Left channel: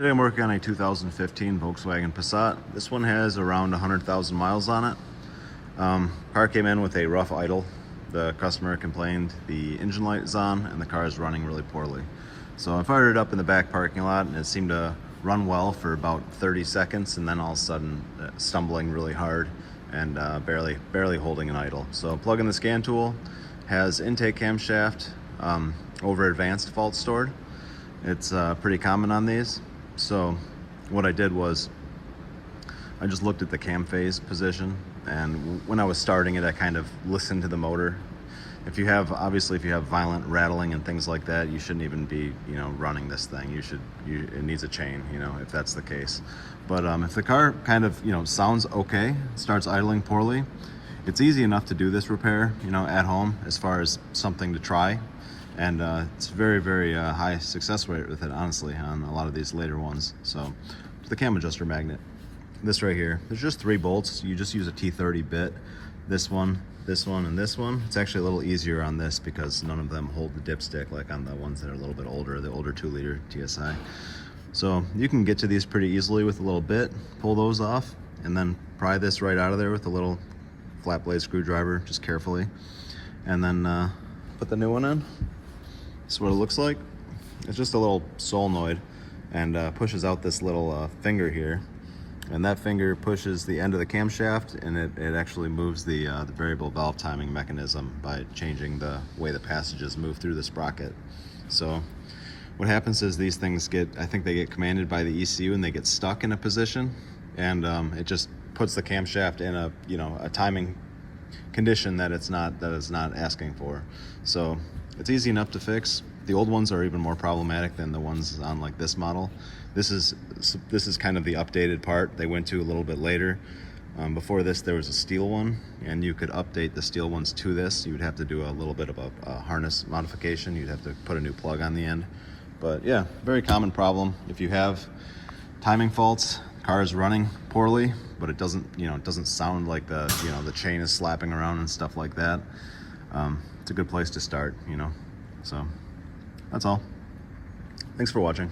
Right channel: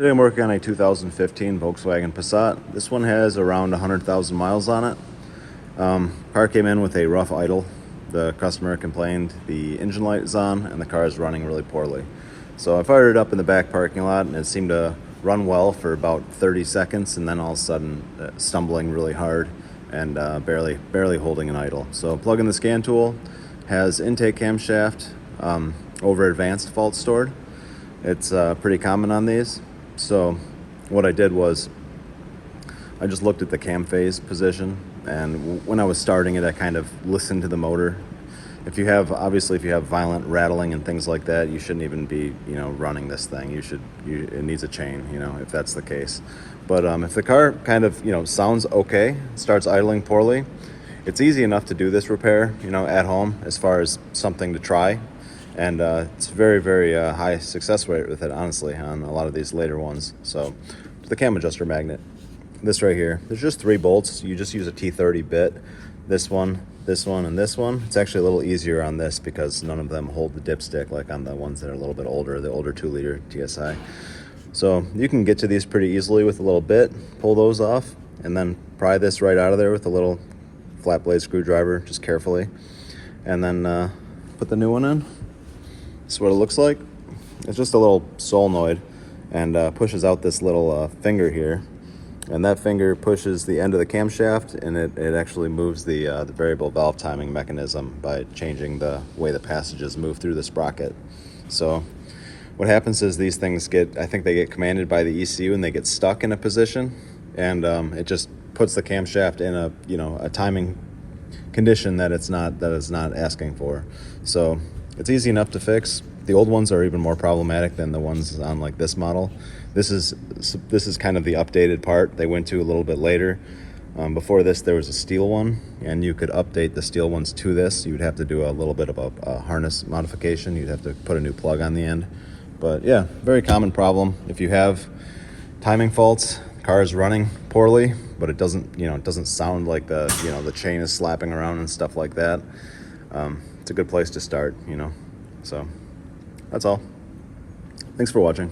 Today I'm working on a 2015 Volkswagen Passat. This one has around 100,000 miles on it. Car came in with a rough idle. The customer complained the engine light is on and the car is running really poorly. So I fired it up in the back parking lot and it seemed to run well for about 30 seconds and then all of a sudden stumbling really hard and barely holding an idle. So plug in the scan tool, has intake camshaft over advanced fault stored. It's pretty common on these. So what I did was I just looked at the cam phase position, and when I was starting it, I kind of listened to the motor. Obviously if you have violent rattling and things like that, you shouldn't even be, running this thing. It needs a chain, if that's the case. But if the car kind of, sounds okay, starts idling poorly, it's easy enough to do this repair, at home as far as something to try. And it's very high success rate with it, honestly, on a lot of these later ones. So the cam adjuster magnet, this right here, there's just 3 bolts. You just use a T30 bit, this one, and this one. It's actually a little easier on this because none of them hold the dipstick like on the ones that are a little bit older, the older 2-liter TSI. So you can get to these pretty easily with a little bit, pull those off, and then pry this right out of there with a little flat blade screwdriver, just carefully, and then put the new one in. This is what it looks like. It's just a little solenoid and pushes out this little finger here, and that finger pushes the end of the camshaft, and it actually moves the variable valve timing mechanism by changing the way the passages move through the sprocket. So what happens is these things I think they get commanded by the ECU and they get stuck in a position, and it just puts the camshaft in a timing condition that it's not asking for. So it's easy enough to fix. The old ones are even more problematic than the ones on like this model. This is kind of the updated part they went to a little bit later. Before this there was a steel one, and you could update the steel ones to this. You would have to do a little bit of a harness modification. You'd have to put a new plug on the end. But yeah, very common problem. If you have timing faults, the car is running poorly, but it doesn't sound like the chain is slapping around and stuff like that. It's a good place to start, So that's all. Thanks for watching.